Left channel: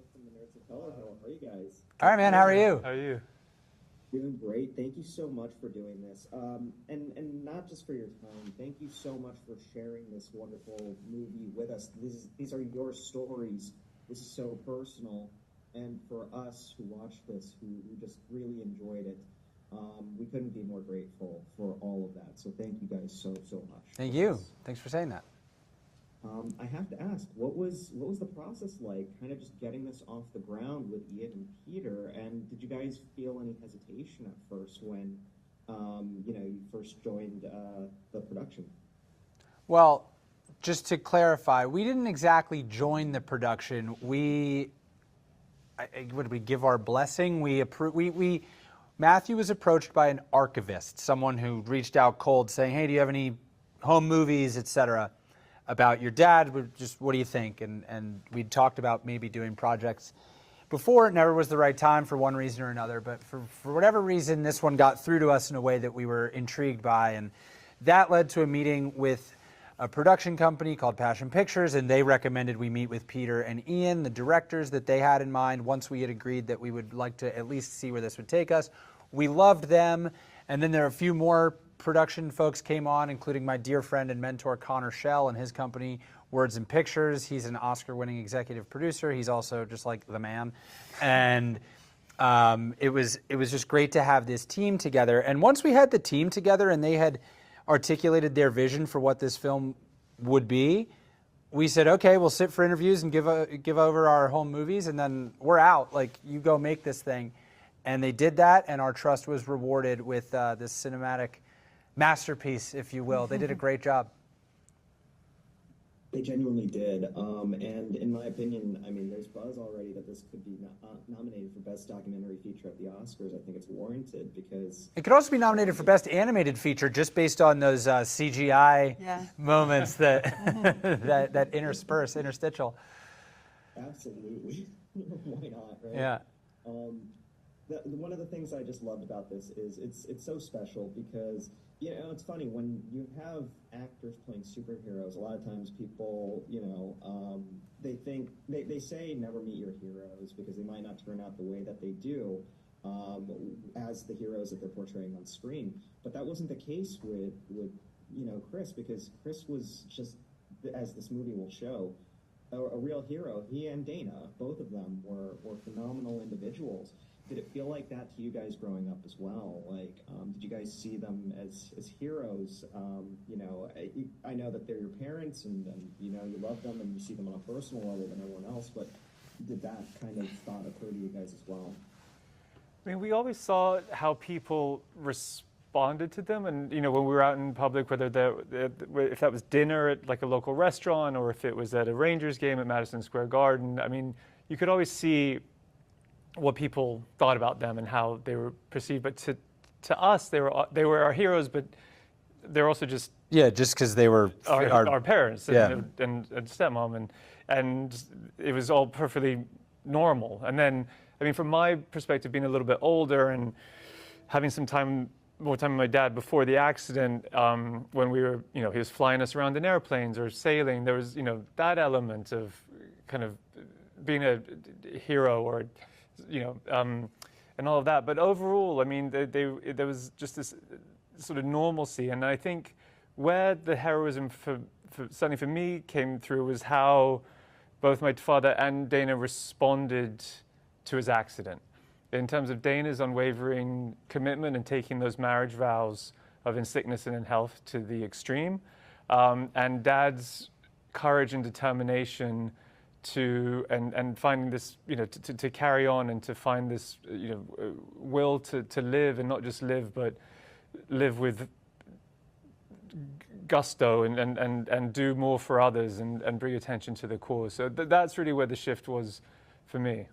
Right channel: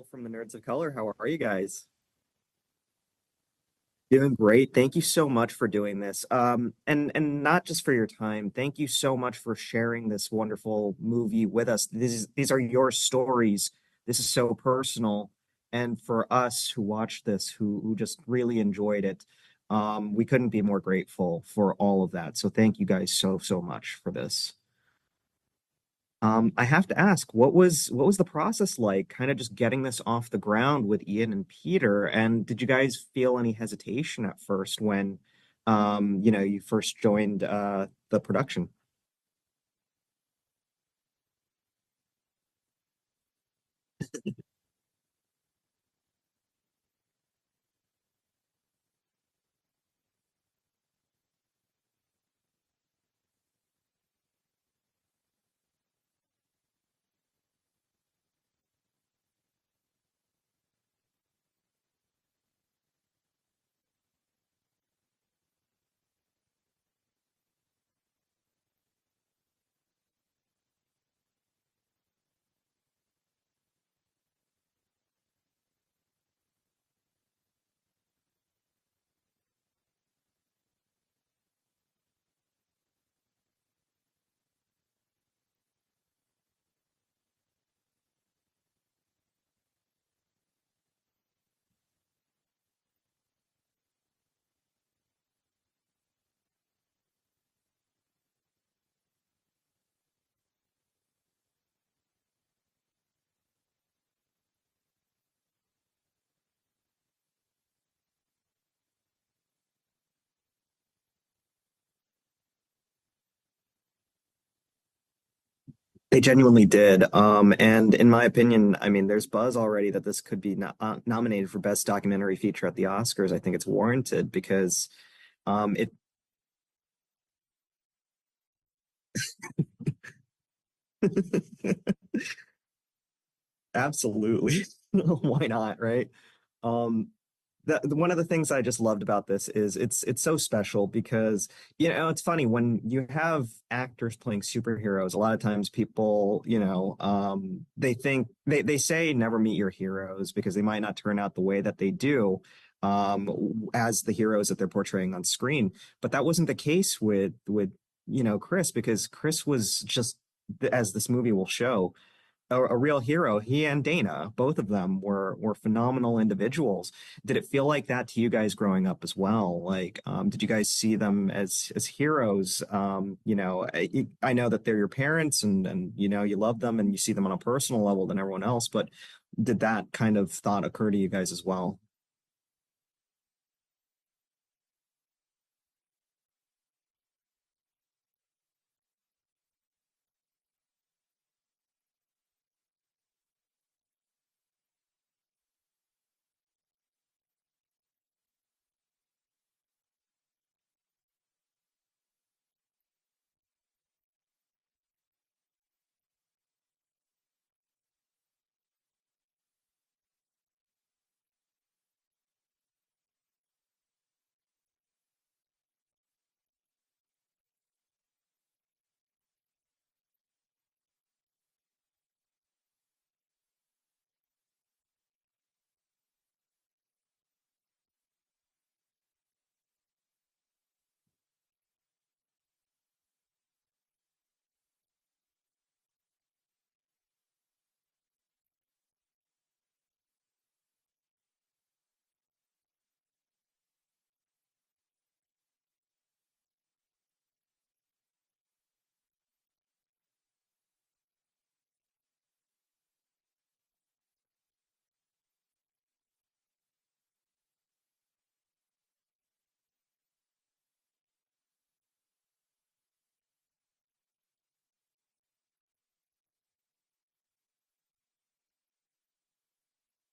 Will from the Nerds of Color. How are you guys? All right, man. How are you? How are you? Doing great. Thank you so much for doing this. And not just for your time. Thank you so much for sharing this wonderful movie with us. These are your stories. This is so personal. And for us who watched this, who just really enjoyed it, we couldn't be more grateful for all of that. So thank you guys so much for Thank you. this. Thanks for saying that. I have to ask, what was the process like, kind of just getting this off the ground with Ian and Peter? And did you guys feel any hesitation at first when, you first joined the production? Well, just to clarify, we didn't exactly join the production. Would we give our blessing? Matthew was approached by an archivist, someone who reached out cold saying, "Hey, do you have any home movies, etc., about your dad? What do you think?" And we talked about maybe doing projects before. It never was the right time for one reason or another, but for whatever reason, this one got through to us in a way that we were intrigued by, and that led to a meeting with a production company called Passion Pictures, and they recommended we meet with Peter and Ian, the directors that they had in mind. Once we had agreed that we would like to at least see where this would take us, we loved them, and then there are a few more production folks came on, including my dear friend and mentor Connor Shell and his company Words and Pictures. He's an Oscar-winning executive producer. He's also just like the man, and it was just great to have this team together. And once we had the team together and they had articulated their vision for what this film would be, we said, okay, we'll sit for interviews and give over our home movies, and then we're out. Like, you go make this thing. And they did that, and our trust was rewarded with this cinematic masterpiece, if you will. They did a great job. They genuinely did. And in my opinion, I mean, there's buzz already that this could be nominated for Best Documentary Feature at the Oscars. I think it's warranted because it could also be nominated for Best Animated Feature just based on those CGI moments that that interstitial. Absolutely. Why not, right? Yeah. One of the things I just loved about this is it's so special because, it's funny when you have actors playing superheroes, a lot of times people, they think they say never meet your heroes because they might not turn out the way that they do as the heroes that they're portraying on screen. But that wasn't the case with Chris, because Chris was just, as this movie will show, a real hero. He and Dana, both of them were phenomenal individuals. Did it feel like that to you guys growing up as well? Like, did you guys see them as heroes? I know that they're your parents, and you love them and you see them on a personal level than everyone else. But did that kind of thought occur to you guys as well? I mean, we always saw how people responded to them, and when we were out in public, whether if that was dinner at like a local restaurant or if it was at a Rangers game at Madison Square Garden, I mean, you could always see what people thought about them and how they were perceived. But to us, they were our heroes, but they're also just because they were our parents and stepmom, and it was all perfectly normal. And then, I mean, from my perspective, being a little bit older and having more time with my dad before the accident, when we were, he was flying us around in airplanes or sailing, there was, that element of kind of being a hero or, and all of that. But overall, I mean, there was just this sort of normalcy. And I think where the heroism certainly for me came through was how both my father and Dana responded to his accident. In terms of Dana's unwavering commitment and taking those marriage vows of in sickness and in health to the extreme, and Dad's courage and determination and finding this, to carry on and to find this, will to live, and not just live, but live with gusto and do more for others and bring attention to the cause. So that's really where the shift was for me.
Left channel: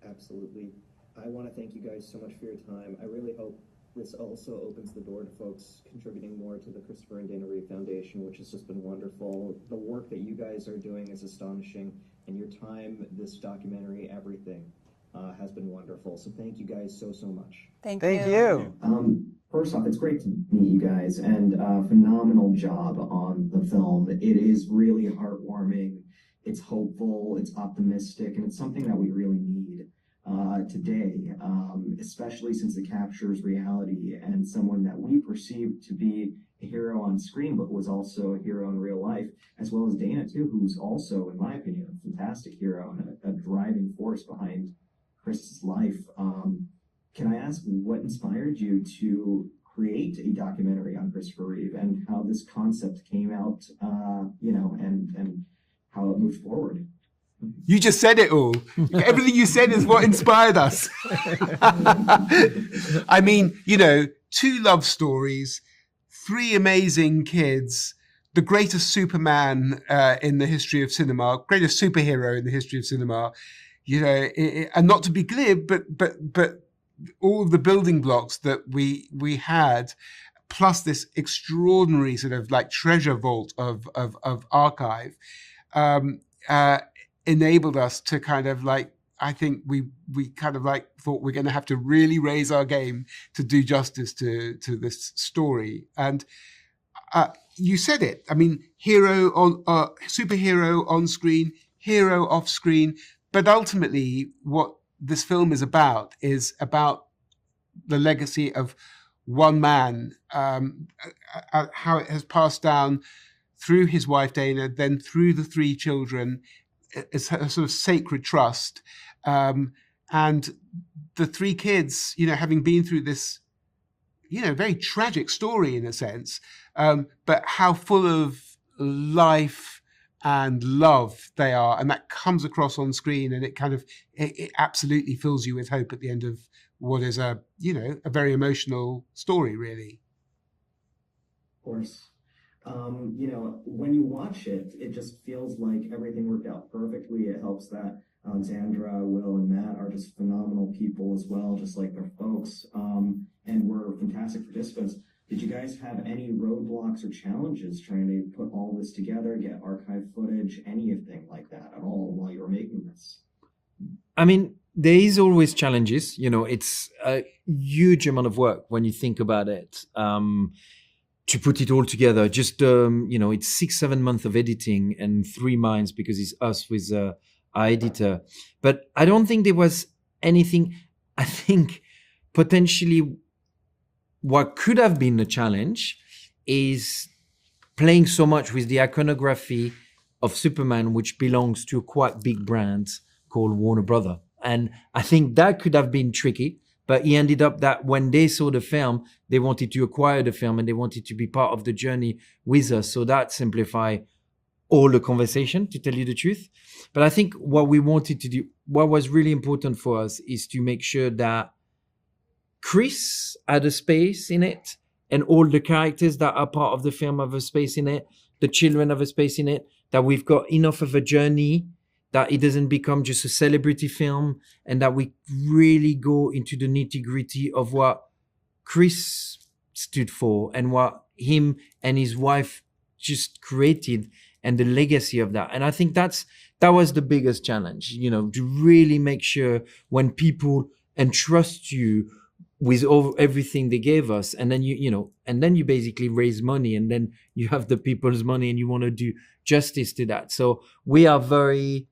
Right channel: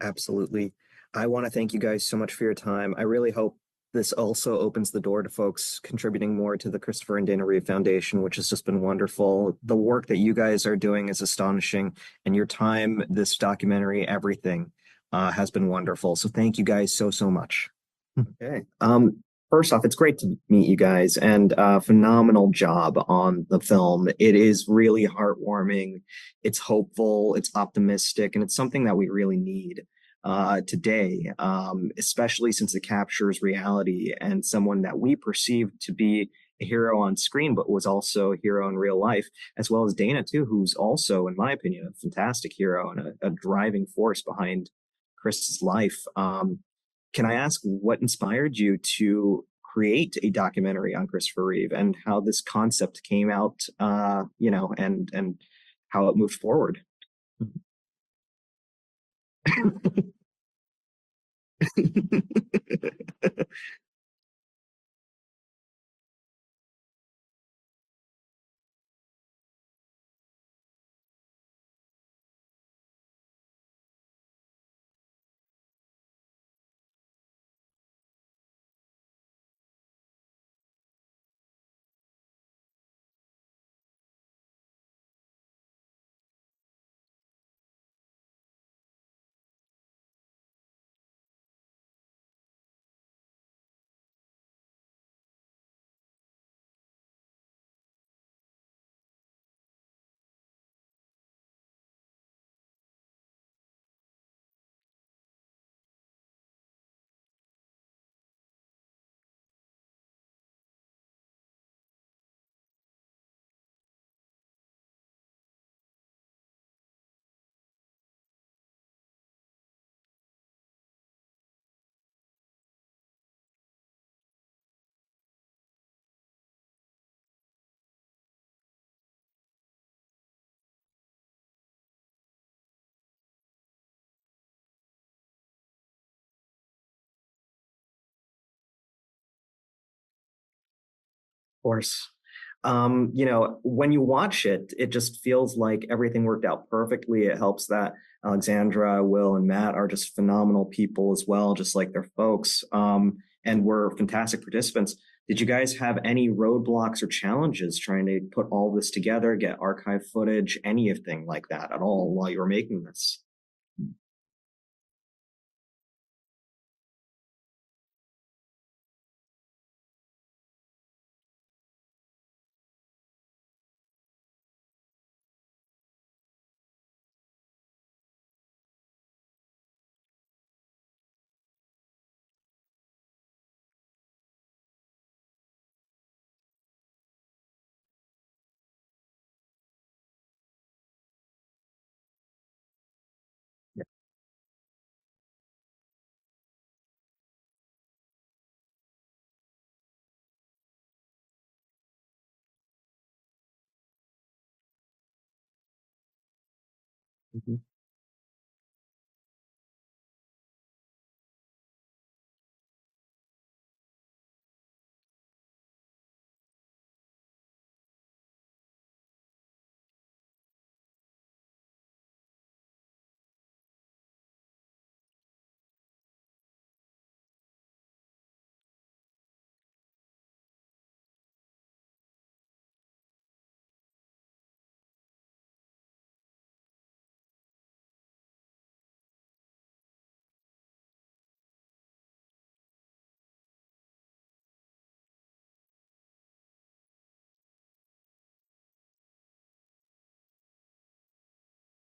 Absolutely. I want to thank you guys so much for your time. I really hope this also opens the door to folks contributing more to the Christopher and Dana Reeve Foundation, which has just been wonderful. The work that you guys are doing is astonishing, and your time, this documentary, everything has been wonderful. So thank you guys so much. Thank you. you. First off, it's great to meet you guys and phenomenal job on the film. It is really heartwarming. It's hopeful, it's optimistic, and it's something that we really need today, especially since it captures reality and someone that we perceive to be a hero on screen, but was also a hero in real life, as well as Dana, too, who's also, in my opinion, a fantastic hero and a driving force behind Chris's life. Can I ask what inspired you to create a documentary on Christopher Reeve and how this concept came out, and how it moved forward? You just said it all. Everything you said is what inspired us. I mean, two love stories, three amazing kids, the greatest Superman in the history of cinema, greatest superhero in the history of cinema, and not to be glib, but all of the building blocks that we had, plus this extraordinary sort of like treasure vault of archive, enabled us to kind of like, I think we kind of like thought we're going to have to really raise our game to do justice to this story. And you said it. I mean, superhero on screen, hero off screen. But ultimately, what this film is about the legacy of one man, how it has passed down through his wife, Dana, then through the three children. It's a sort of sacred trust. And the three kids, having been through this, very tragic story in a sense, but how full of life and love they are. And that comes across on screen, and it absolutely fills you with hope at the end of what is a very emotional story, really. Of course. When you watch it, it just feels like everything worked out perfectly. It helps that Alexandra, Will, and Matt are just phenomenal people as well, just like their folks, and were fantastic participants. Did you guys have any roadblocks or challenges trying to put all this together, get archive footage, anything like that at all while you were making this? I mean, there is always challenges. It's a huge amount of work when you think about it. To put it all together, just it's 6-7 months of editing and 3 minds because it's us with our editor. But I don't think there was anything. I think potentially what could have been a challenge is playing so much with the iconography of Superman, which belongs to a quite big brand called Warner Brother. And I think that could have been tricky. But he ended up that when they saw the film, they wanted to acquire the film and they wanted to be part of the journey with us. So that simplified all the conversation, to tell you the truth. But I think what we wanted to do, what was really important for us, is to make sure that Chris had a space in it, and all the characters that are part of the film have a space in it, the children have a space in it, that we've got enough of a journey, that it doesn't become just a celebrity film, and that we really go into the nitty-gritty of what Chris stood for and what him and his wife just created and the legacy of that. And I think that was the biggest challenge, to really make sure when people entrust you with everything they gave us, and then you basically raise money, and then you have the people's money and you want to do justice to that. So we are very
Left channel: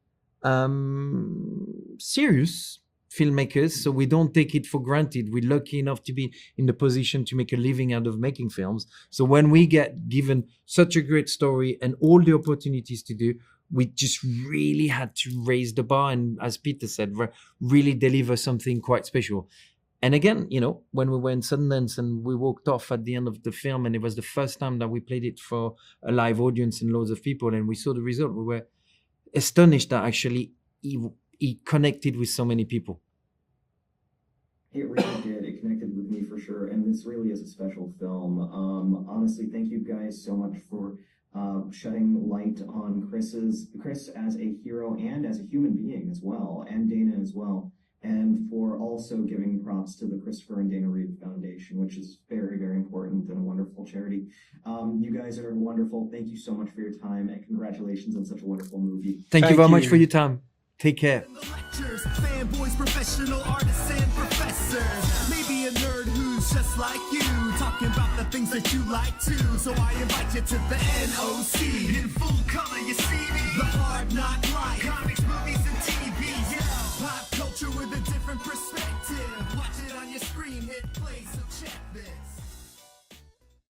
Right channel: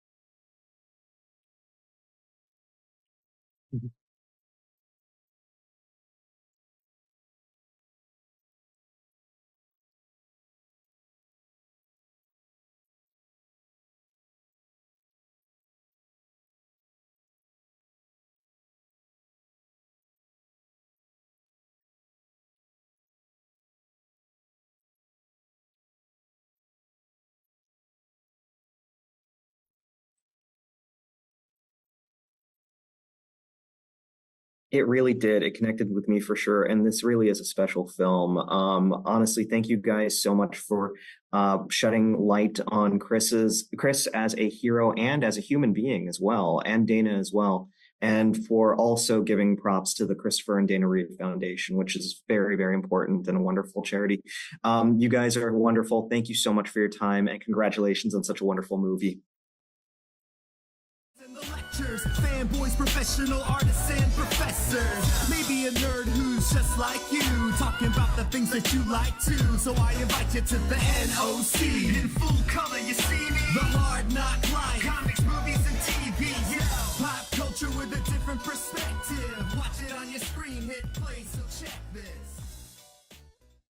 serious filmmakers, so we don't take it for granted. We're lucky enough to be in the position to make a living out of making films. So when we get given such a great story and all the opportunities to do, we just really had to raise the bar and, as Peter said, really deliver something quite special. And again, when we were in Sundance and we walked off at the end of the film, and it was the first time that we played it for a live audience and loads of people, and we saw the result, we were astonished that actually he connected with so many people. It really did. It connected with me for sure. And this really is a special film. Honestly, thank you guys so much for shedding light on Chris as a hero and as a human being as well, and Dana as well. And for also giving props to the Christopher and Dana Reeve Foundation, which is very, very important and a wonderful charity. You guys are wonderful. Thank you so much for your time, and congratulations on such a wonderful movie. Thank you very much for your time. Take care. Lectures, fanboys, professional artists, and professors. Maybe a nerd who's fools just like you, talking about the things that you like too. So I invite you to the NOC. In full color, you see me. The hard knock life, comics, movies, and TV. Yeah, pop culture with a different perspective. Watch it on your screen, hit play, so check this.